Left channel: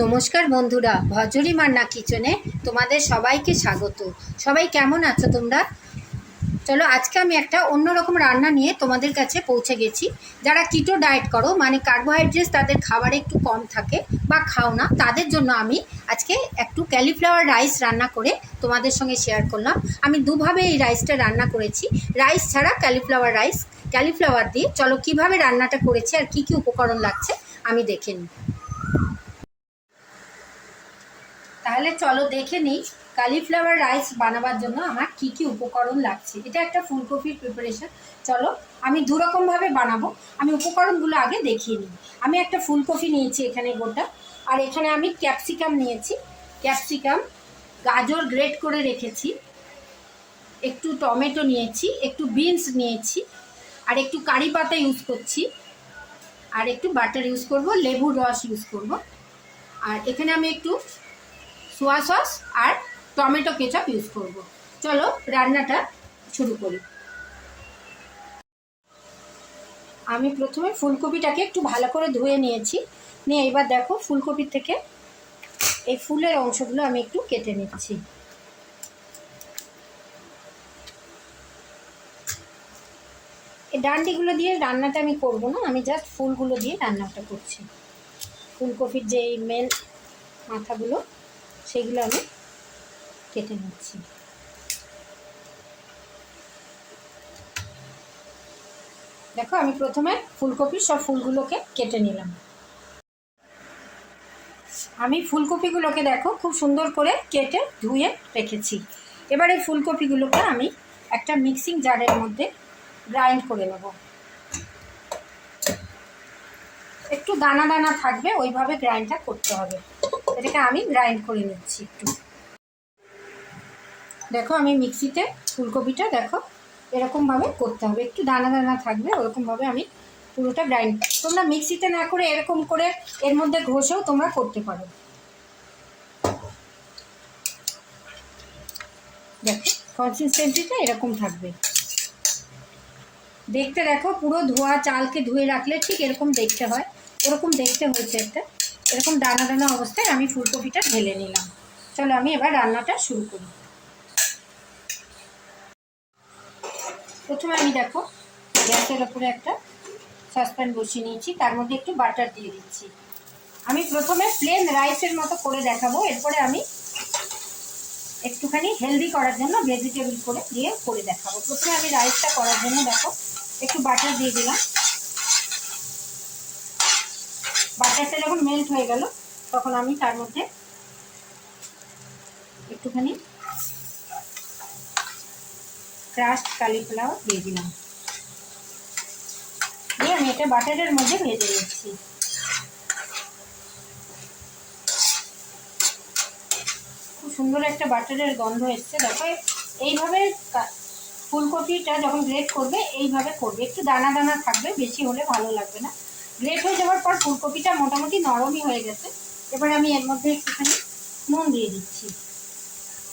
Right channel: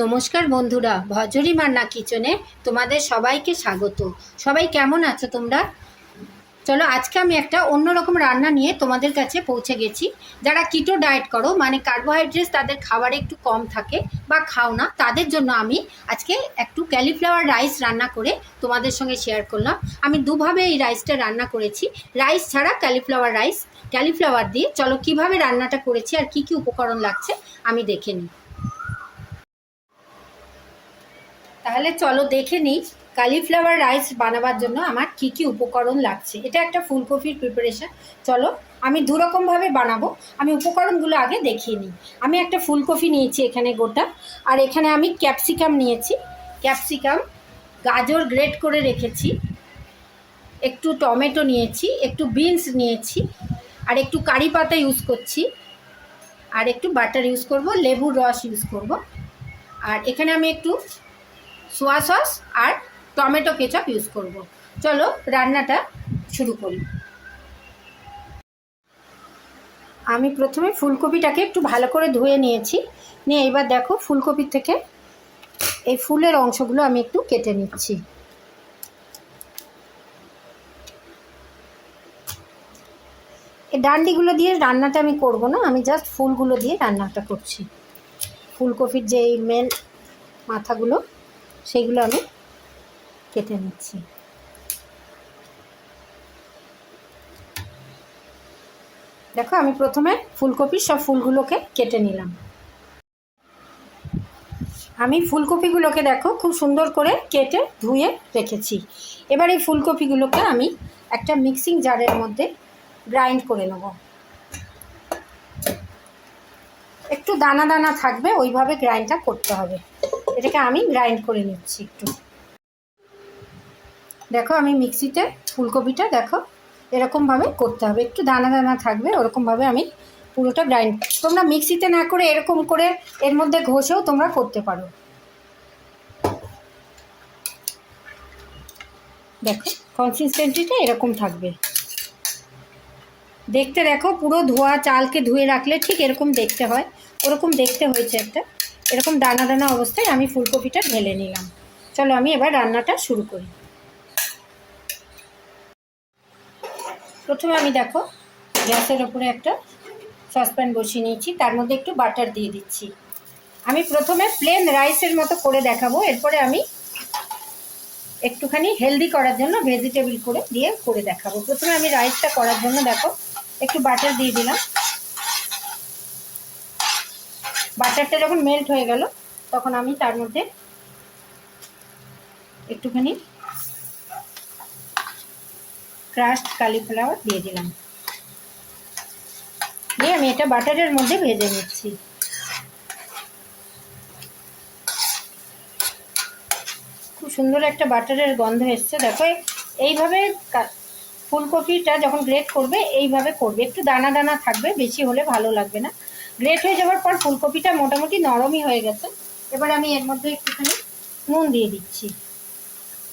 নমস্কার বন্ধুরা, ভজরি মান্না কিচেনে তোমাদের সবাইকে স্বাগত। সবাই কেমন আছো তোমরা? চলো আজকে আমি একটা অন্যরকম রান্না নিয়ে তোমাদের কাছে পৌঁছে গেছি। যারা কিটো ডায়েট করো, মানে কার্বোহাইড্রেট তাদের খাবারে একটু কম থাকে বা খাও না, তাদের জন্য আমি আজকে একটু ক্যালিফ্লাওয়ার রাইস রান্না করে তোমাদের সঙ্গে শেয়ার করলাম। আমি দুভাবে এই রাইসটা রান্না করেছি, রাইস ছাড়া ক্যালিফ্লাওয়ার রাইস, ক্যালিফ্লাওয়ার দিয়ে। চলো কিভাবে রান্নাটা করেছি আর কি কি উপকরণ লাগছে আমি দেখে নিই। তাহলে চলো দেখে নিই কালিফ্লাওয়ার রাইস বানাবার জন্য আমার কি কি উপকরণ লাগছে। এটা একটা ফুলকপির প্রিপারেশন। চলো আমি দুরকমভাবে বানাবো, আমি উপকরণগুলো আগে দেখিয়ে নিই। আমি একটা ফুলকপি নিয়েছি এখানে গোটা, আর এখানে আমি ক্যাপসিকাম নিয়েছি, ক্যাপসিকাম, গাজর গ্রেট করে রেখেছি, একটু টমেটো নিয়েছি, একটু বিনস নিয়েছি, আর একটু কারি পাতা ইউজ করছি, আর একটু বাটার ইউজ করব, লেবুর রস ইউজ করব, আর এখানে আমি একটু সোয়া সস আর টমেটো কেচাপ ইউজ করব। চলো রান্নাটা শুরু করি। আমি প্রথমে ফুলকপিটাকে একটু ভালো করে ধুয়ে নিয়েছি, নিয়ে এবার দেখো ফুলকপির থেকে এই ফুলের অংশগুলো আমি একটু কেটে নিচ্ছি। এই ডান্ডিগুলো দিয়ে রান্নাটা আমি করব না, আমি জাস্ট ফুলগুলো দিয়ে রান্নাটা করছি। ফুলকপির যে মেন মাথাগুলো সেগুলো আমি কেটে নিচ্ছি। দেখো আমি প্রথমে ফুলকপির সব ফুলগুলোকে কেটে নিলাম। আমি ফুলকপিগুলোকে দেখো খুব সুন্দর করে কেটে ধুয়ে রেখেছি। এবার এই ফুলকপিগুলোকে আমি একটা মিক্সিং জারের মধ্যে গ্রাইন্ড করে নেব। একটু দানা দানা থাকবে, ওইভাবে গ্রাইন্ডটা করতে হবে। এটাকে আমি গ্রাইন্ড করে নিচ্ছি একটু। দেখো আমি মিক্সিতে ফুলকপিটা দেখো এরকমভাবে করতে হবে, একটু দানা দানা থাকবে, ওরকমভাবে আমি পুরোটা গ্রাইন্ড। তোমরা মিক্সিতে না করে এরকম করে এর মধ্যে ঘষেও তোমরা করতে পারো। দেখো কনসিস্টেন্সিটা এরকম থাকবে, দেখতে দেখো পুরো ধোয়া চালকে ধুয়ে রাখলে ঠিক এরকম দেখতে হয়, ওরকম দেখতে হয়েছে একটা। এরকম দানা দানা অবস্থায় আমি ফুলকপিটা ঢেলে নিলাম। চলো আমি এবার রান্নাটা শুরু করি। প্রথমে আমি দেখো গ্যাসের ওপরে একটা সসপ্যান বসিয়ে নিয়েছি, তার মধ্যে একটু বাটার দিয়ে দিচ্ছি। আমি প্রথমে প্লেন রাইসের মতো করে দেখাবো, এরপরে আমি একটুখানি হেলদি করার জন্য ভেজিটেবল করে দেখাবো। প্রথমে আমি রাইসটা করার জন্য দেখো একটু বাটার দিয়ে দিলাম। বাটারটা যখন মেল্ট হয়ে গেল তখন আমি তার মধ্যে একটুখানি ক্রাশড কালিফ্লাওয়ার দিয়ে দিলাম, দিয়ে আমি এটা বাটারের মধ্যে ভেজে নিচ্ছি। খুব সুন্দর একটা বাটারের গন্ধ এসছে। দেখো এইভাবে ফুলকপিটা যখন গ্রেট করবে এইভাবে করবে, একটু দানা দানা থাকবে, বেশি হলে ভালো লাগবে না। গ্রেট হয়ে যাওয়ার পর ফুলকপিটা মোটামুটি নরমই হয়ে গেছে। এবার আমি এর মধ্যে একটুখানি নুন দিয়ে দিচ্ছি,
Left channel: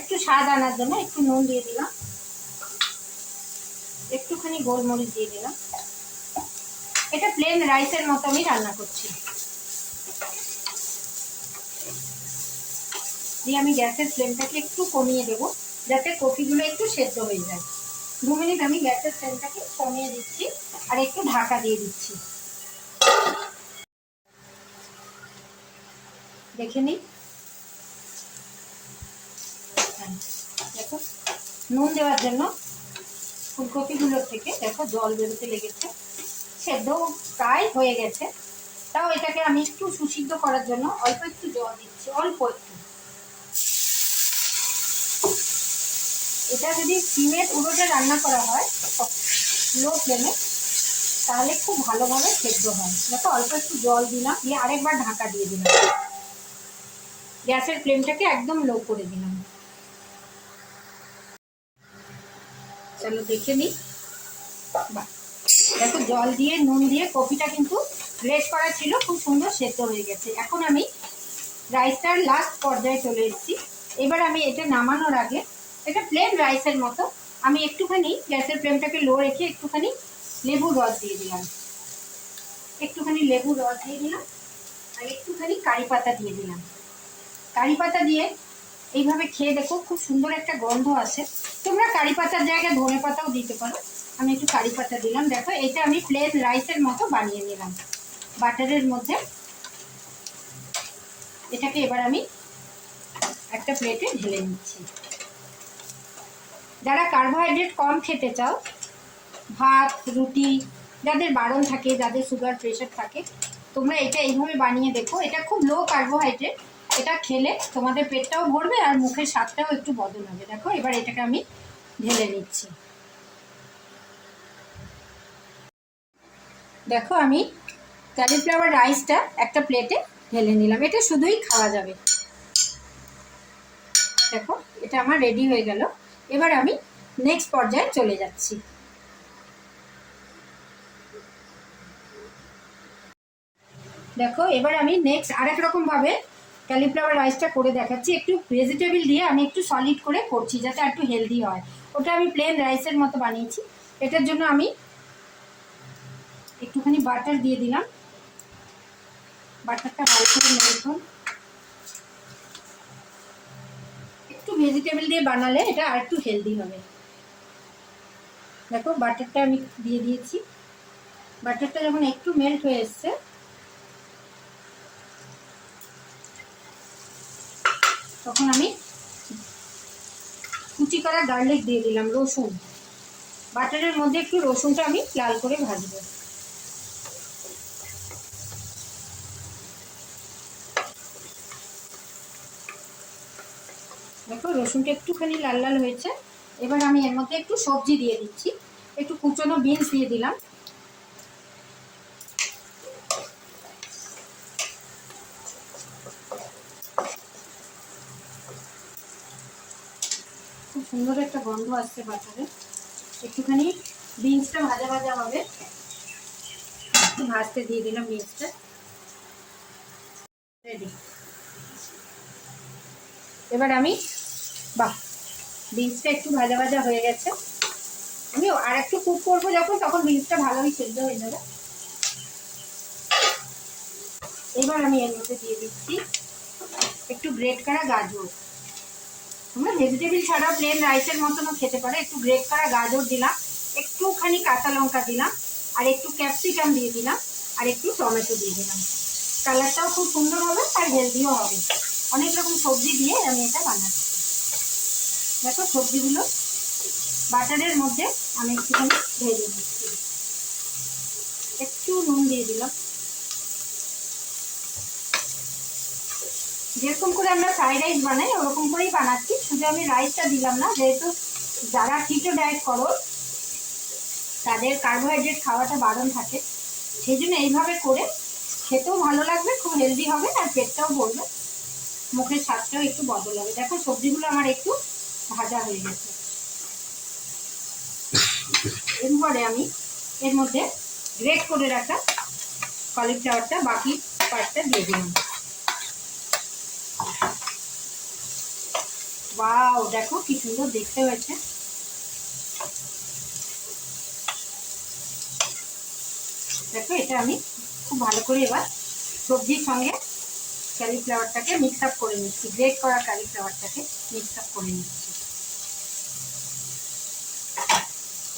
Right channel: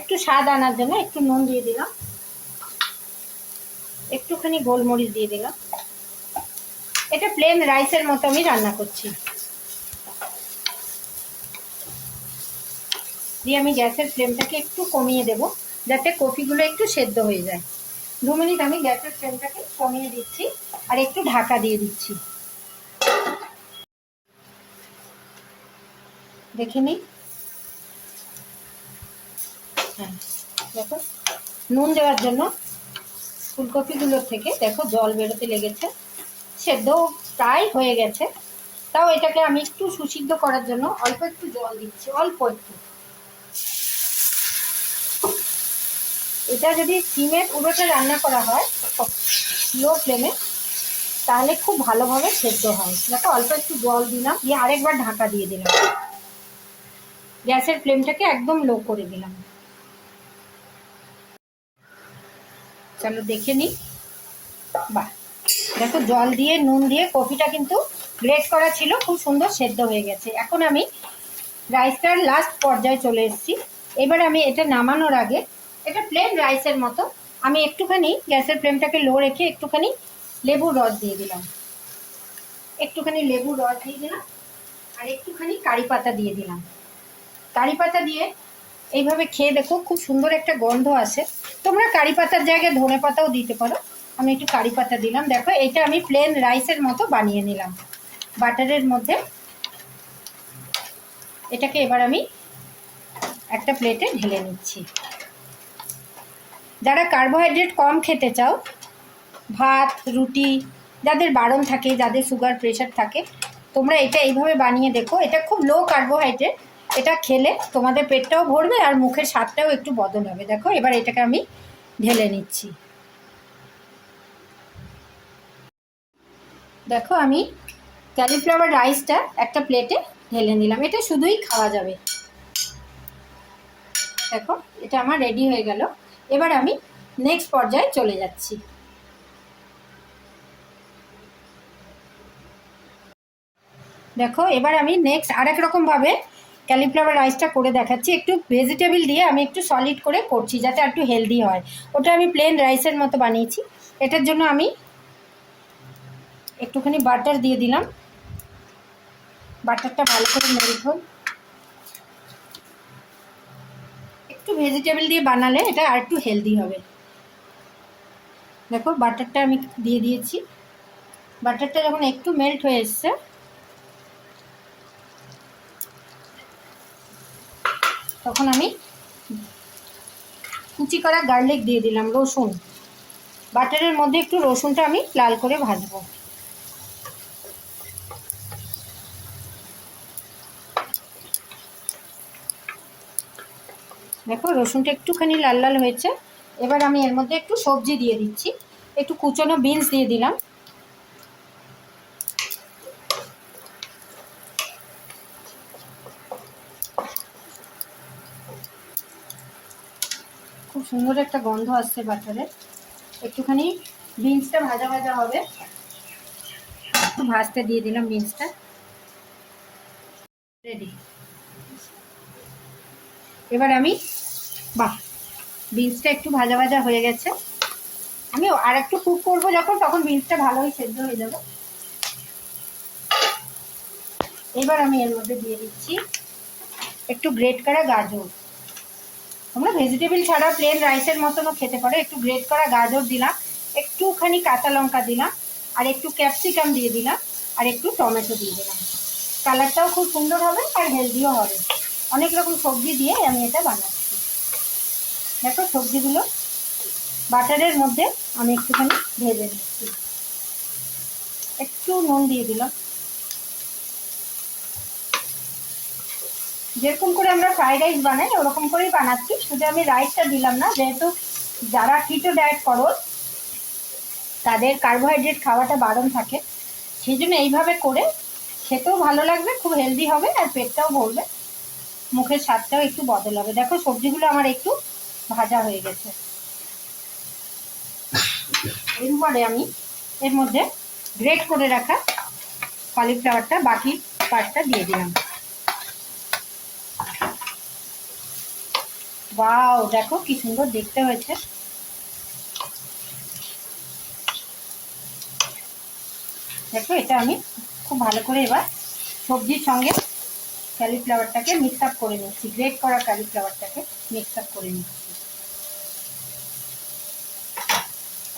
একটু স্বাদ আনার জন্য একটু নুন দিয়ে দিলাম, একটুখানি গোলমরিচ দিয়ে দিলাম। এটা প্লেন রাইসের মতো আমি রান্না করছি। দিয়ে আমি গ্যাসের ফ্লেমটাকে একটু কমিয়ে দেব, যাতে কপিগুলো একটু সেদ্ধ হয়ে যায়। 2 মিনিট আমি গ্যাসের ফ্লেমটাকে কমিয়ে দিচ্ছি আর একটু ঢাকা দিয়ে দিচ্ছি। দেখে নিই। হ্যাঁ দেখো নুন দেওয়ার জন্য ফুলকপিগুলোর থেকে দেখো জল বেরোতে লেগেছে, সেদ্ধ প্রায় হয়ে গেছে। তাও এটাকে আমি একটু সুসিদ্ধ করার জন্য অল্প একটু জল দিচ্ছি, অল্প একটু। এটা যদি সিমের উড়োতে রান্না করা হয় লো ফ্লেমে, তাহলে খুব ভালোভাবে সেদ্ধ হয়। দেখো অল্প একটু জল দিলাম, দিয়ে আরেকবার ঢাকা দিয়ে দিলাম, গ্যাসের ফ্লেমটাকে একদম লো করে দিলাম। চলো দেখে নিই। বাহ দেখো জল দিয়ে নুন দিয়ে কপিটা কিন্তু গ্রেট করা ছিল, খুব সুন্দর সেদ্ধ হয়ে গেছে। এখন আমি রাইসটার লাস্ট পর্যায়ে চলে এসেছি। এবার আমি এটা নামানোর আগে, এটা প্লেন রাইসের মতো, আমি একটুখানি গ্যাসের ফ্লেমটাকে লো রেখে একটুখানি লেবুর রস দিয়ে দিলাম, একটুখানি লেবুর রস দিয়ে দিলাম, আর আর একটুখানি কারি পাতা দিয়ে দিলাম। কারি পাতা দিয়ে এইভাবে খেয়ে দেখো, খুব সুন্দর একটা গন্ধ আসে। তোমরা কারি পাতার জায়গায় ধনে পাতাও দিতে পারো। আমি একটু কারি পাতা দিলাম। দেখো এটা আমি প্লেন রাইসের মতো বানিয়ে নিলাম বাটারের মধ্যে। এটাকে এবার আমি একটা প্লেটে ঢেলে নিচ্ছি। যারা কার্বোহাইড্রেট কম খেতে চাও, ভাত রুটি যাদের বারণ থাকে, যাদের সুগার প্রেশার থাকে, তোমরা এটা এইভাবে বানিয়ে দেখো। এটা খুব লো কার্বোহাইড্রেট, এটা খেলে তোমাদের পেটটাও ভরবে আর মুখের স্বাদটাও একটু বদল হবে। দেখো এবার এটাকে আমি ঢেলে নিচ্ছি। দেখো আমি ক্যালিফ্লাওয়ার রাইসটা একটা প্লেটে ঢেলে নিলাম। এটা শুধুই খাওয়া যাবে। দেখো এটা আমার রেডি হয়ে গেল। এবার আমি নেক্সট পর্যায়ে চলে যাচ্ছি। দেখো এবার আমি নেক্সট আরেক রকমভাবে ক্যালিফ্লাওয়ার রাইসটা করে দেখাচ্ছি। একটু ভেজিটেবল দিয়ে আমি একটু সলিড করে করছি, যাতে একটু হেলদি হয়। ওটা আমি প্লেন রাইসের মতো বানিয়েছি। এটার জন্য আমি একটুখানি বাটার দিয়ে দিলাম। বাটারটা ভালো করে মেল্ট হোক। একটু ভেজিটেবল দিয়ে বানালে এটা আর একটু হেলদি হবে। দেখো বাটারটা আমি দিয়ে দিয়েছি। বাটারটা যখন একটু মেল্ট হয়ে এসছে, তখন আমি কুচি করা গার্লিক দিয়ে দিলাম, রসুন। বাটারের মধ্যে একটু রসুনটা আমি লাল করে ভাজবো। দেখো রসুনটা একটুখানি লাল লাল হয়েছে। এবার আমি এর মধ্যে একটু সবজি দিয়ে দিচ্ছি। একটু কুচনো বিনস দিয়ে দিলাম। খুব সুন্দর একটা গন্ধ আসছে বাটারে। একটুখানি বিনসটা ভাজা ভাজা হবে, একটু ভাজতে দিয়ে দিলাম বিনসটা। রেডি। এবার আমি বিনসটা একটু ভাজা ভাজা হয়ে গেছে। আমি আর একটু কুক করবো যখন, তখন বিনসটা ভালোই সেদ্ধ হয়ে যাবে। এবার আমি এর মধ্যে দিয়ে দিচ্ছি একটু গ্রেট করা গাজর। তোমরা ভেজিটেবল ছাড়া প্লেন রাইসের মতনও খেতে পারো। একটু গ্রেট করা গাজর দিলাম, একটুখানি কাঁচা লঙ্কা দিলাম, আর একটু ক্যাপসিকাম দিয়ে দিলাম, আর একটু টমেটো দিয়ে দিলাম। কালারটাও খুব সুন্দর হবে আর হেলদিও হবে। অনেক রকম সবজি দিয়ে আমি এটা বানাচ্ছি। দেখো সবজিগুলো বাটারের মধ্যে আমি একটুখানি ভেজে দিচ্ছি। একটু নুন দিয়ে দিলাম। যেরকম করে আমরা ফ্রাইড রাইস বানাই ওরকম করেই বানাচ্ছি, শুধু আমি রাইসটা দিলাম না। যেহেতু যারা কিটো ডায়েট করো তাদের কার্বোহাইড্রেট খাওয়াটা বারণ থাকে, সেই জন্য এইভাবে করে খেতেও ভালো লাগবে, খুব হেলদি হবে আর পেটটাও ভরবে, মুখের স্বাদটাও একটু বদল হবে। দেখো সবজিগুলো আমার একটু ভাজা হয়ে গেছে। এরপরে আমি এর মধ্যে গ্রেট করে রাখা কলিফ্লাওয়ারটা, বাকি পার্টটা দিয়ে দিলাম। ওয়াও, দেখো কি সুন্দর দেখতে হয়েছে। দেখো এটা আমি খুব ভালো করে এবার সবজির সঙ্গে ক্যালিফ্লাওয়ারটাকে মিক্স আপ করে নিচ্ছি। গ্রেট করা ক্যালিফ্লাওয়ারটাকে মিক্স আপ করে নিচ্ছি।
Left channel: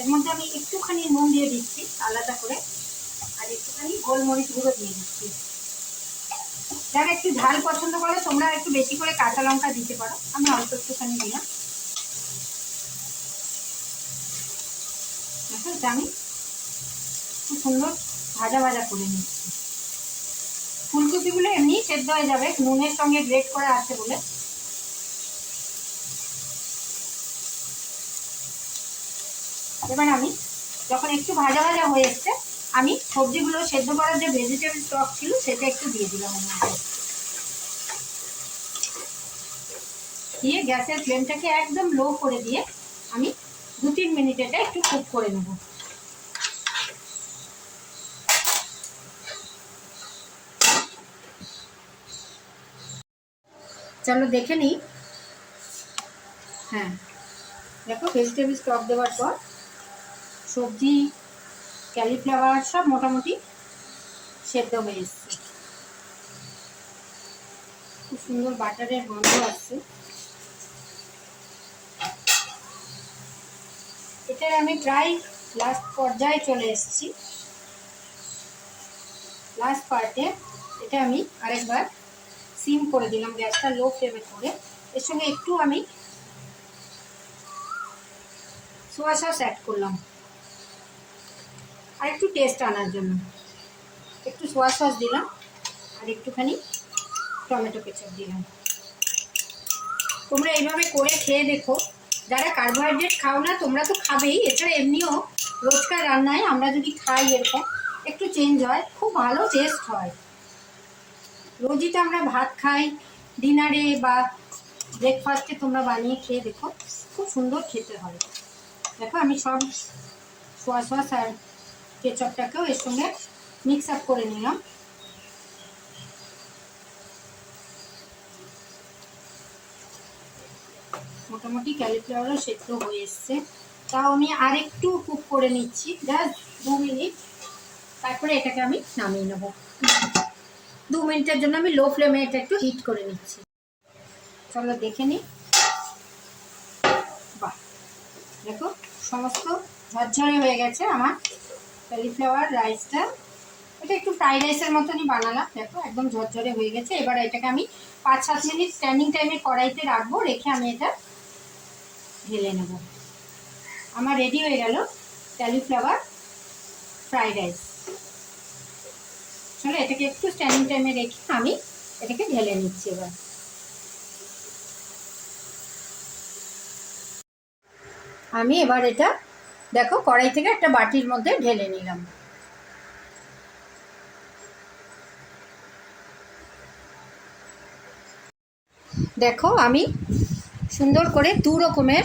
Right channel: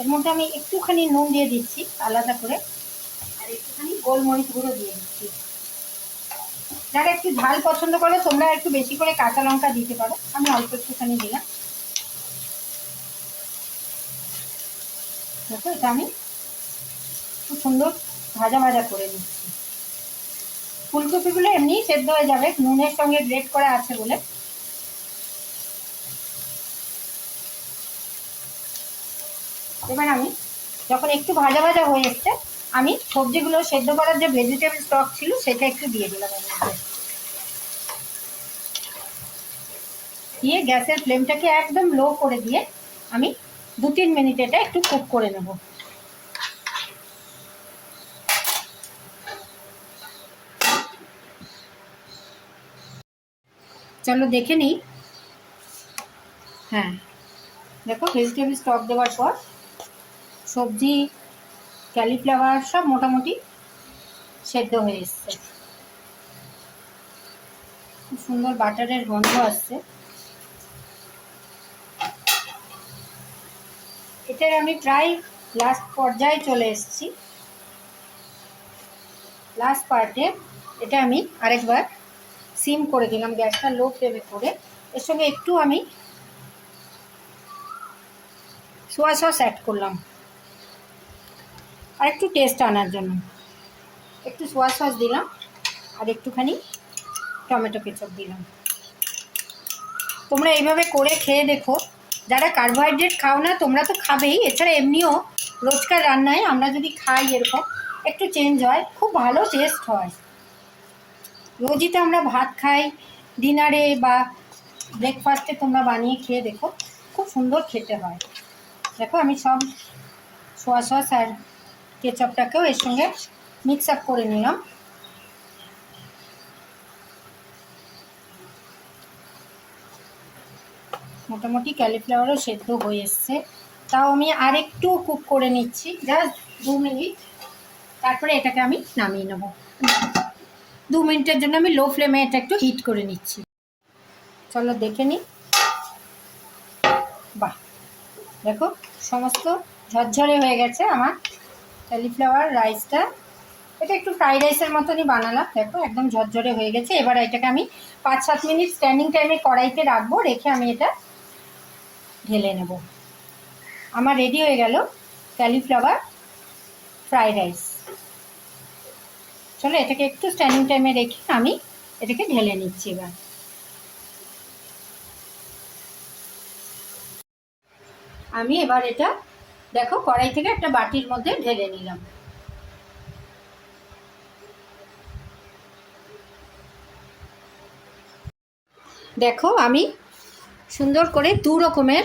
এর মধ্যে আমি একটুখানি নুন দিয়ে দিচ্ছি আলাদা করে, আর একটুখানি গোলমরিচ গুঁড়ো দিয়ে দিচ্ছি। যারা একটু ঝাল পছন্দ করো তোমরা একটু বেশি করে কাঁচা লঙ্কা দিতে পারো, আমি অল্প একটুখানি দিলাম। দেখো এটা আমি খুব সুন্দর ভাজা ভাজা করে নিচ্ছি। ফুলকপিগুলো এমনি সেদ্ধ হয়ে যাবে, নুনের সঙ্গে গ্রেট করা আছে বলে। এবার আমি যখন একটু ভাজা ভাজা হয়ে এসছে, আমি সবজিগুলো সেদ্ধ করার যে ভেজিটেবল স্টক ছিল সেটা একটু দিয়ে দিলাম ওর মধ্যে। দিয়ে গ্যাসের ফ্লেমটাকে একদম লো করে দিয়ে আমি 2-3 মিনিট এটা একটু কুক করে নেব। চলো দেখে নিই। হ্যাঁ দেখো ভেজিটেবল স্টক দেওয়ার পর সবজি ক্যালিফ্লাওয়ার সব মোটামুটি সেদ্ধ হয়ে এসছে। সুন্দর বাটারের গন্ধ আসছে। এটার আমি প্রায় লাস্ট পর্যায়ে চলে এসেছি। লাস্ট পার্টে এটা আমি আরেকবার সিম করে দিলাম, গ্যাসটা লো ফ্লেমে করে। এর সঙ্গে একটু আমি সোয়া সস অ্যাড করলাম আর একটু টেস্ট আনার জন্য একটু সোয়া সস দিলাম আর একটুখানি টমেটো কেচাপ দিলাম। তোমরা এইভাবে করে খেয়ে দেখো। যারা কার্বোহাইড্রেট খাও না তোমরা তো খাবেই, এছাড়া এমনিও রোজকার রান্নায় আমরা যদি খাই এরকম একটু চেঞ্জ হয়, খুব ভালো টেস্ট হয়। রোজই তো আমরা ভাত খাই, ডিনারে বা ব্রেকফাস্টে তোমরা বানিয়ে খেয়ে দেখো, খুব সুন্দর খেতে হয়। দেখো আমি সব সোয়া সস আর কেচাপটাকেও এর সঙ্গে মিক্স আপ করে নিলাম। মোটামুটি ক্যালিফ্লাওয়ারও সেদ্ধ হয়ে এসছে, তাও আমি আরেকটু কুক করে নিচ্ছি, জাস্ট 2 মিনিট। তারপরে এটাকে আমি নামিয়ে নেব। 2 মিনিটের জন্য আমি লো ফ্লেমে এটা একটু হিট করে নিচ্ছি। চলো দেখে নিই। বাহ, দেখো সমস্ত ঝরঝরে হয়ে গেছে আমার ক্যালিফ্লাওয়ার রাইসটা। এটা একটু ফ্রাইড রাইসের মতনই বানালাম। দেখো একদম ঝরঝরে হয়ে গেছে। এবার এটাকে আমি 5-7 মিনিট স্ট্যান্ডিং টাইমে কড়াইতে রাখবো, রেখে আমি এটা ঢেলে নেব। আমার রেডি হয়ে গেল ক্যালিফ্লাওয়ার ফ্রাইড রাইস। চলো এটাকে একটু স্ট্যান্ডিং টাইমে রেখে আমি এটাকে ঢেলে নিচ্ছি। এবার আমি এটা দেখো কড়াই থেকে একটা বাটির মধ্যে ঢেলে নিলাম। দেখো আমি সুন্দর করে 2 রকমের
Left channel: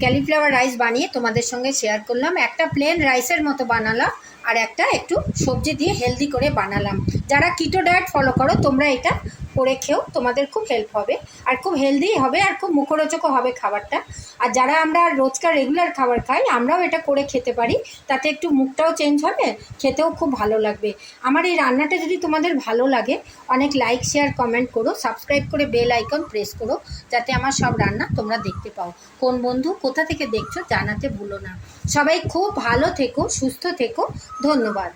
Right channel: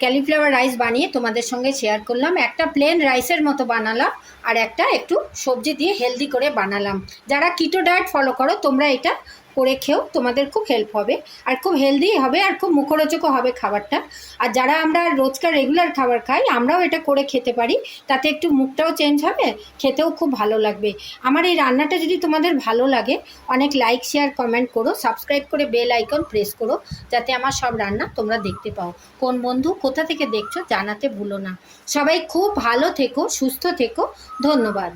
ক্যালিফ্লাওয়ার রাইস বানিয়ে তোমাদের সঙ্গে শেয়ার করলাম। একটা প্লেন রাইসের মতো বানালাম আর একটা একটু সবজি দিয়ে হেলদি করে বানালাম। যারা কিটো ডায়েট ফলো করো তোমরা এটা করে খেও, তোমাদের খুব হেল্প হবে আর খুব হেলদি হবে আর খুব মুখরোচকও হবে খাবারটা। আর যারা আমরা রোজকার রেগুলার খাবার খাই আমরাও এটা করে খেতে পারি, তাতে একটু মুখটাও চেঞ্জ হবে, খেতেও খুব ভালো লাগবে। আমার এই রান্নাটা যদি তোমাদের ভালো লাগে অনেক লাইক শেয়ার কমেন্ট করো, সাবস্ক্রাইব করে বেল আইকন প্রেস করো, যাতে আমার সব রান্না তোমরা দেখতে পাও। কোন বন্ধু কোথা থেকে দেখছো জানাতে ভুলো না। সবাই খুব ভালো থেকো, সুস্থ থেকো। ধন্যবাদ।